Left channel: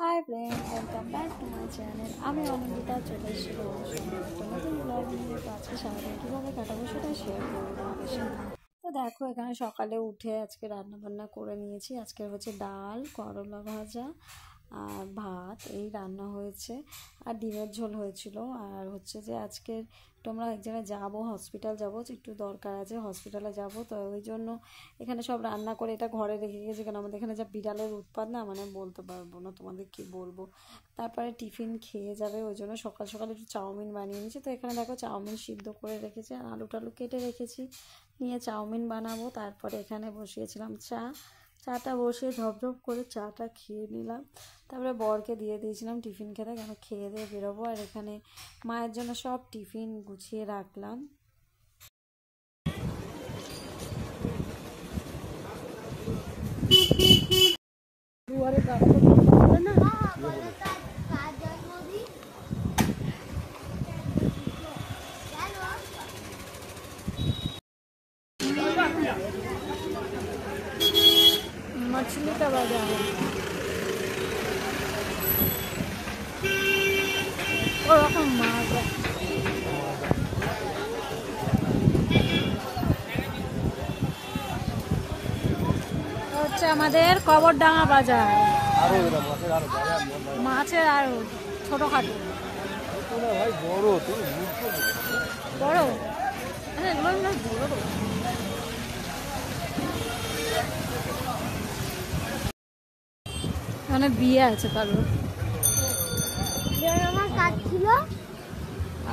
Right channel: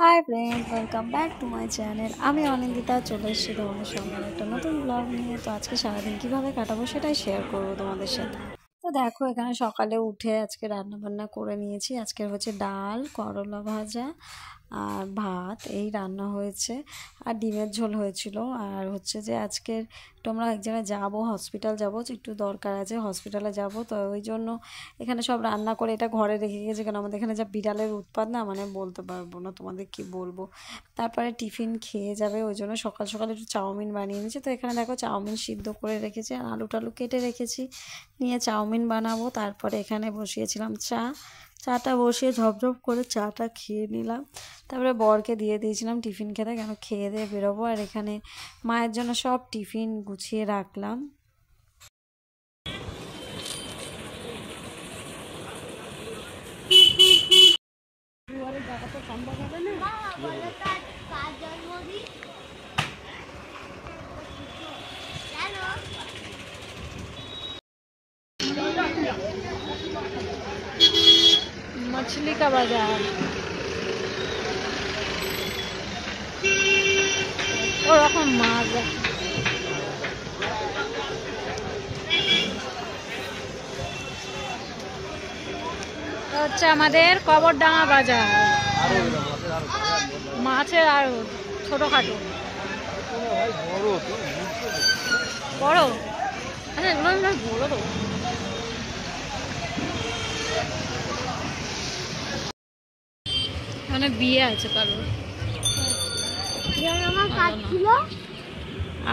Hi friend, welcome back to my channel. আমি অনিন্দিতা চলে এসেছি তোমাদের সঙ্গে একটা নতুন ব্লগ নিয়ে। তো আজকে সারাদিন কীভাবে কাটাবো সেটাই শেয়ার করবো তোমাদের সাথে। তো দেখো, এখানে সকালে উঠে আজকে রান্না বান্না করে নিয়েছি। আজকের হচ্ছে ডাল, করলা ভাজা আর ভাত, এই রান্না হয়েছে। আর ডিমের ঝোল হয়েছিল। আর হচ্ছে যে আজকের তোমরা এক জায়গায় যাবো, হসপিটাল যাবো, একটু দরকার আছে, হসপিটালে যাব। তো ওই জন্য এখানে সব রান্না করে এটা ঘরে রেখে গেছে, কারণ আমাদের এখানে যা বিড়ালের উৎপাত না, মানে বলতে পারবো না তোমাদের কি বলবো। তারপরে টিফিন খেয়ে যাবে, ওই জন্য সকাল সকাল একটু চাউমিন বানিয়ে নিয়েছি। তো এখানে দেখো চাউমিন সিদ্ধ করে রেখেছি আর আলু টালু কেটে রেখেছি, নিয়ে চাউমিন বানাবো। তারপরে এখানে বসিয়েছিলাম চাটা বসিয়ে ঝপঝপ করে চাটা খেয়ে নিলাম। তারপরে বরকে দিয়ে দিয়েছিলাম টিফিন খেতে, কেন খেয়ে দিয়ে বেরোবো। আর এখানে মায়ের জন্য সব টিফিন গুছিয়ে রাখলাম। मछली का बाजार ওরকম মাছ হচ্ছে আমাদের কবরডাঙ্গা বাজার, মাছের আর ছোটখাটো বড়। আচ্ছা, এগুলো বড় তো। মানে বিয়ে আছে কারোর।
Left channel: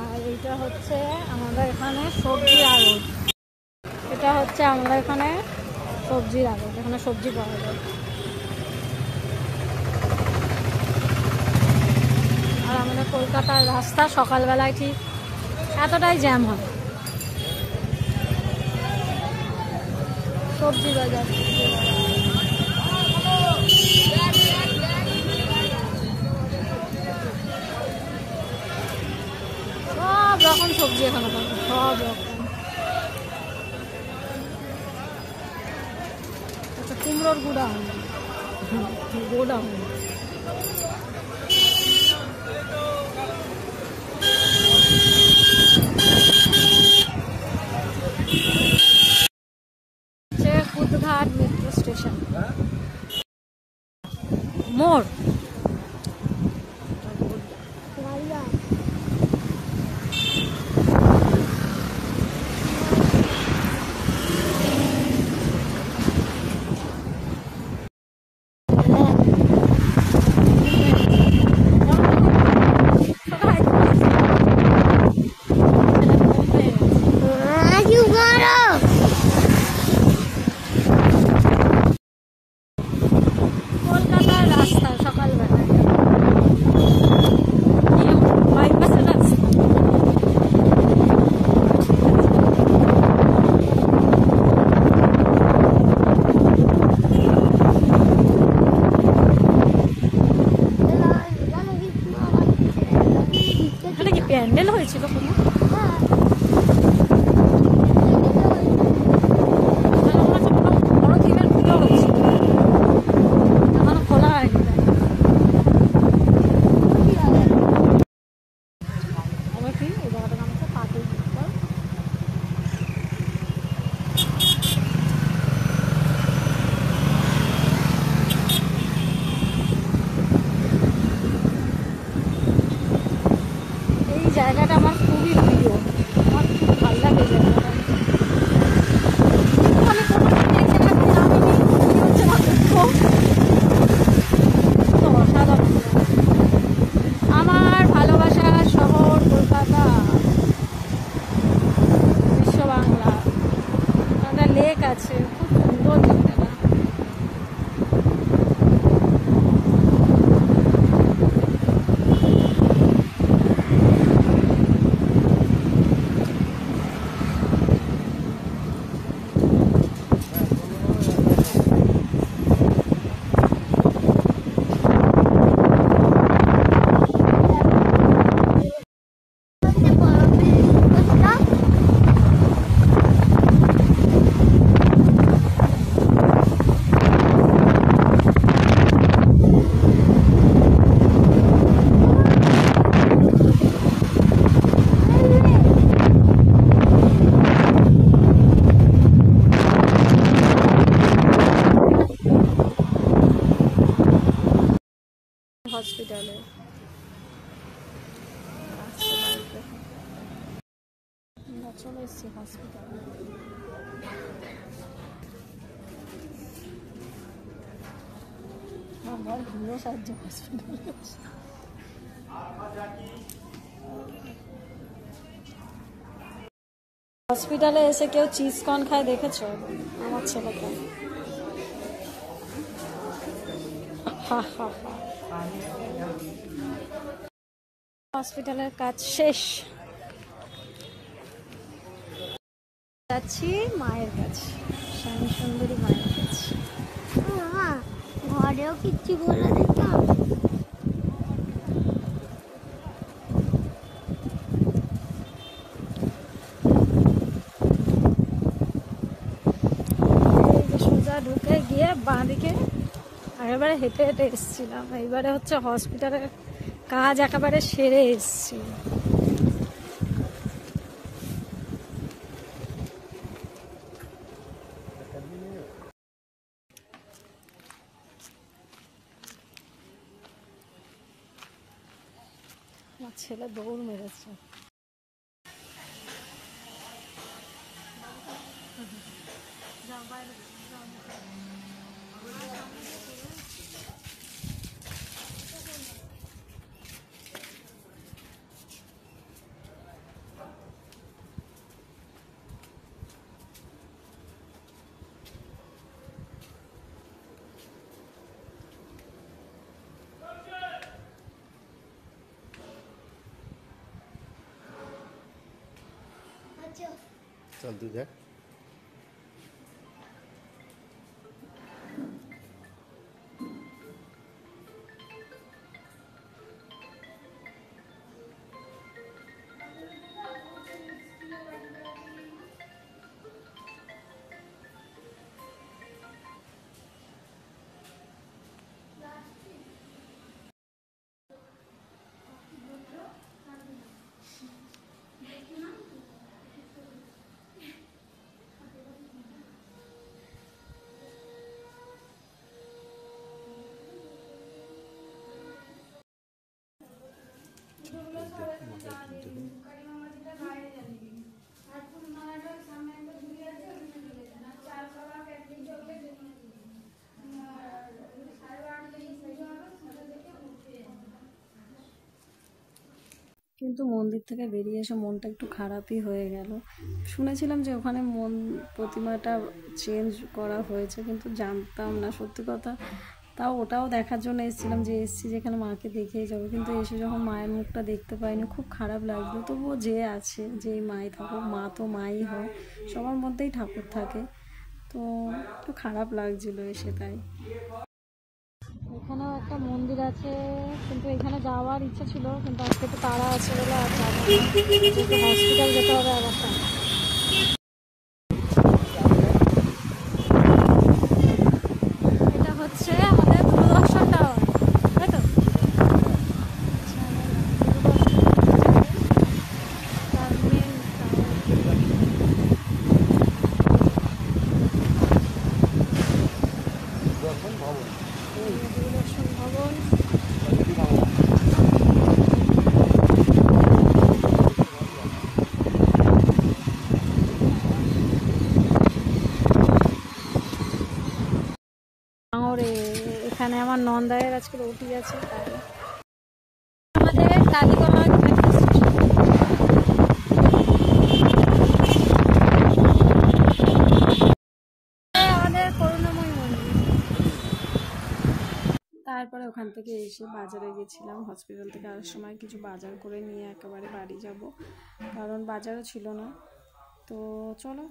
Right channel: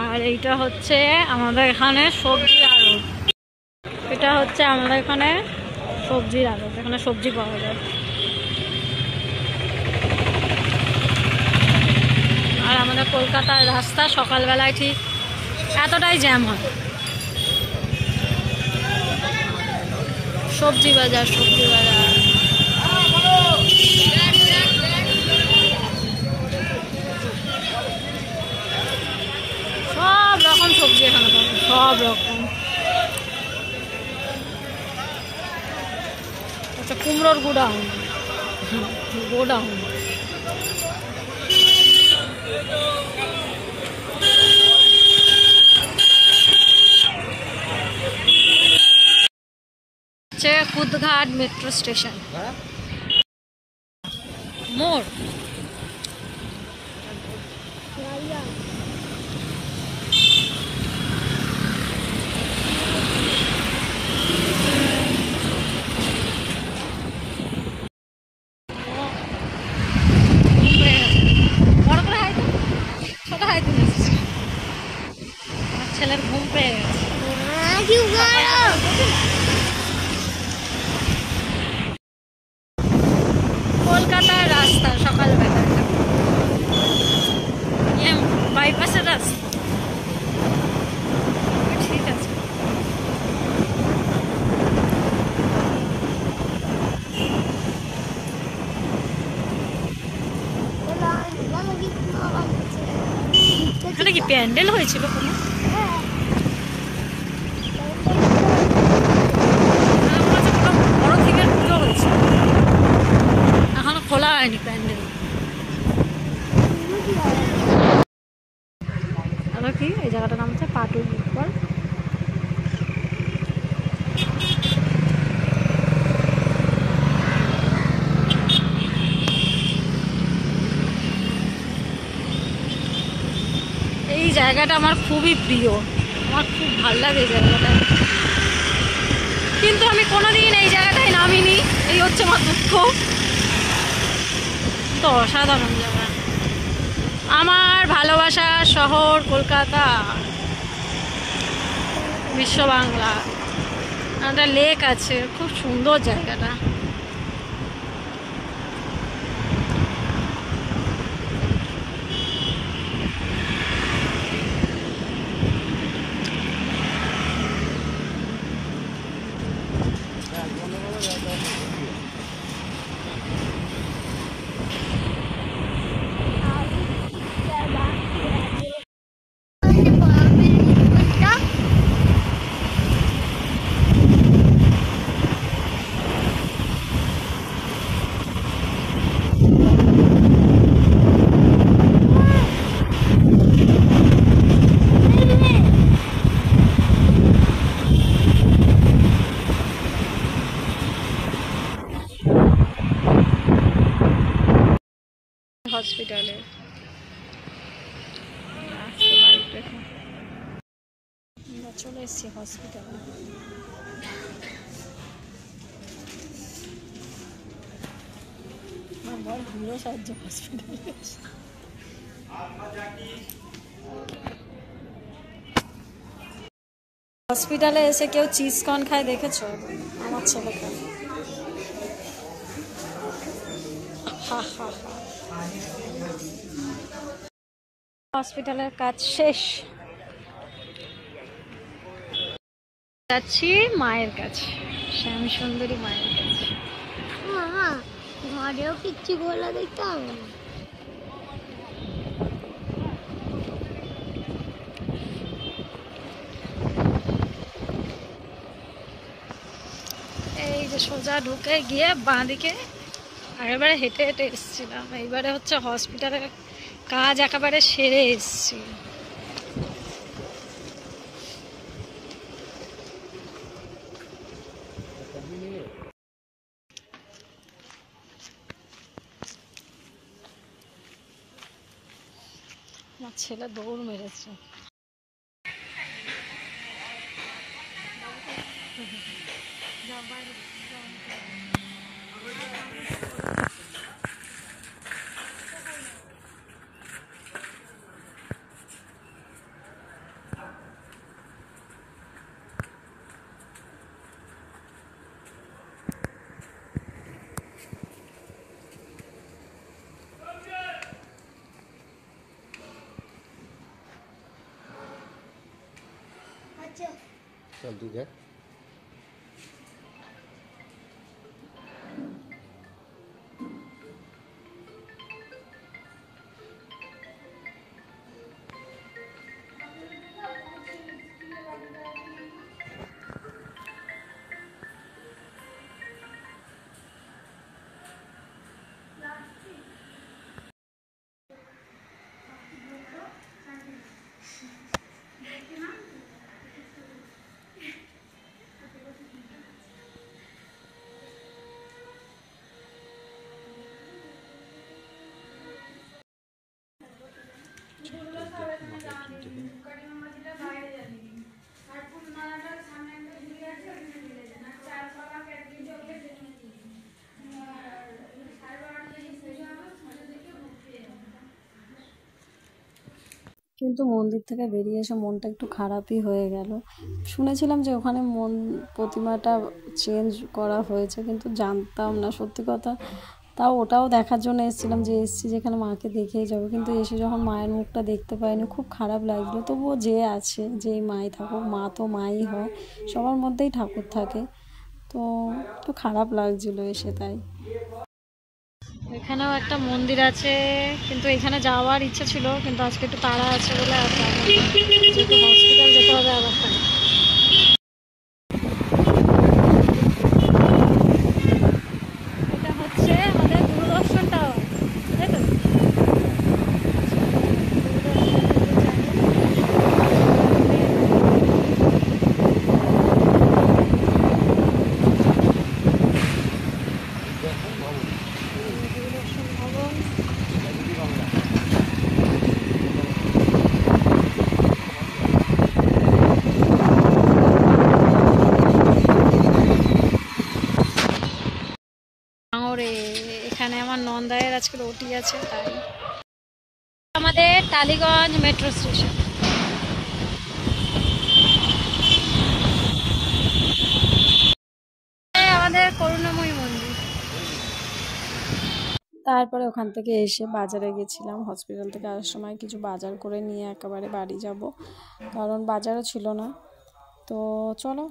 আর এইটা হচ্ছে আমাদের এখানে সবজির আড়ত। এটা হচ্ছে আমাদের এখানে সবজির আড়ত, এখানে সবজি পাওয়া যায়। আর আমাদের কলকাতার রাস্তা সকালবেলায় ঠিক এতটাই জ্যাম হয়। সবজি বাজার সব রকম সবজি এখানে পাবে, সব রকম। আচ্ছা, কুমড়োর গোডাউন। হচ্ছে কুদঘাট মেট্রো স্টেশন মোড়। কলকাতার রাস্তা সকালবেলা, বাইপাসের রাস্তা। ঠিক আছে, এখানে কি প্যান্ডেল হয়েছিল কোনো? বড় থিমের পুজো হয়েছিল, এখনো খোলা হয়নি প্যান্ডেল। আবার কি এই জায়গাটার নাম হচ্ছে পাটুল উপর। এই জায়গাটা আমার খুবই প্রিয়, আমার খুব ভালো লাগে জায়গাটা, কিন্তু আমি কোনোদিন এই জায়গাটায় নামিনি, এই হচ্ছে আমার দুঃখ। তো অসাধারণ জায়গা, আমার ভালোবাসার শহর কলকাতা, বিশ্ব বাংলা। একটা লেক আছে, খুব সুন্দর জায়গাটা। হসপিটালে। চলে এসছি হসপিটালে। আমার বর ঘুরেও সাহায্য হসপিটালে। হসপিটালে এসে কেউ চিজ কর্ন খায় দেখেছো? আমার ছেলে খায়। হসপিটালের কাজ শেষ, যাচ্ছি মায়ের কাছে, শ্যাম সুন্দরী মায়ের কাছে। ঘরেও কিচ্ছু বলে দিতে হবে। এই যে সোজা ঢুকে গিয়ে বাঁ দিকে, আগেরবারে হেঁটে হেঁটে এসেছিলাম, এইবারে হচ্ছে হসপিটালের কাজ একেবারে সেরে এসছি। আমার ছেলে দৌড় মেরেছে। चल तू जा। কিন্তু মন্দির থেকে বেরিয়ে এসে মনটা একটু খারাপই হয়ে গেল। শুনেছিলাম যে ওখানে প্রতিমাটা চেঞ্জ করা হয়েছে, কিন্তু জানতাম না সত্যি কথা। তাও ওটাও দেখার জন্য এসেছিলাম, যে এসছি যেখানে মাকে দেখেই যাবো, কিন্তু এসে যখন মায়ের মুখটা দেখতে পাইনি খুব খারাপ লাগলো। তবুও যে আছে, যেই মাই থাকুক, মা তো মাই হয়, সবার মধ্যেই ঠাকুর থাকে, তো একটু খারাপ লাগছিল এসে। তাই এখানেও একটা মন্দির আছে, কিন্তু এখানে যাওয়ার ইচ্ছা ছিল, কিন্তু আজকে একটু তাড়া আছে বলে আর যাবো না, যেহেতু হসপিটাল যেতে হবে আবার। তাই এটা হচ্ছে আমাদের দূরদর্শন টাওয়ার, তাই তো? দূরদর্শন ভবন। এখানে আমার নন্দায়ের আজকে রুটি আছে, তাই আমাদের টালিগঞ্জ মেট্রো স্টেশন। আমাদের করুণাময়ী মন্দির। তারপরে ওখান থেকে এসে বাজারে গেছিলাম, হসপিটাল থেকে আসার সময় কিছু বাজার করে নিয়ে একেবারে বাড়ি যাব, কারণ বাজারও ছিল না। তো চলো।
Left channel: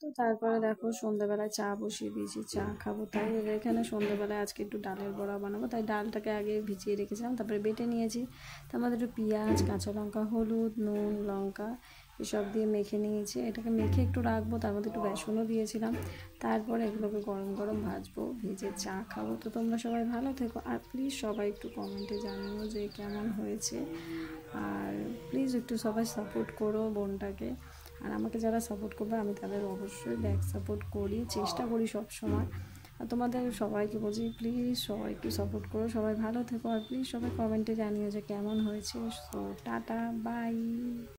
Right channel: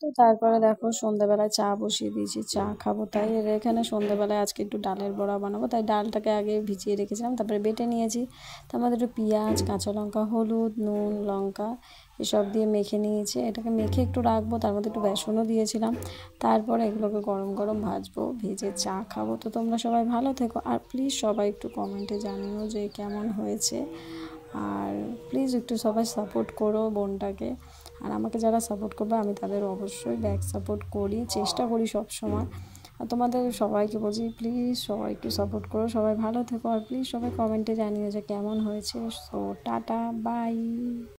তো তারপরে দেখো সন্ধ্যাবেলায় চা বসিয়ে দিয়েছি, চা খাবো। তাই এখানে সন্ধ্যাবেলায় আজকে একটু ডালের বড়া বানাবো, তাই ডালটাকে আগে ভিজিয়ে রেখেছিলাম, তারপরে বেটে নিয়েছি। তার মধ্যে একটু পেঁয়াজ, কাঁচা লঙ্কা, হলুদ, নুন, লঙ্কা এসব দিয়ে মেখে নিয়েছি। এটাকে মেখে একটু রাখবো, তার মধ্যে একটু বেসনও দিয়েছিলাম। তারপরে এগুলোকে গরম গরম ভাজবো, ভেজে চা খাবো। তো তোমরা সবাই ভালো থেকো, আর প্লিজ সবাই একটু কমেন্টে জানিও যে কেমন হয়েছে, আর প্লিজ একটু সবাই সাপোর্ট করো বোনটাকে। আর আমাকে যারা সাপোর্ট করবে আমি তাদের অবশ্যই ব্যাক সাপোর্ট করি, চেষ্টা করি সব সময়। আর তোমাদের সবাইকে বলছি প্লিজ সবাই একটু সাপোর্ট করো, সবাই ভালো থেকো, আর প্লিজ সবাই কমেন্টে জানিও যে কেমন হয়েছে। So tata bye.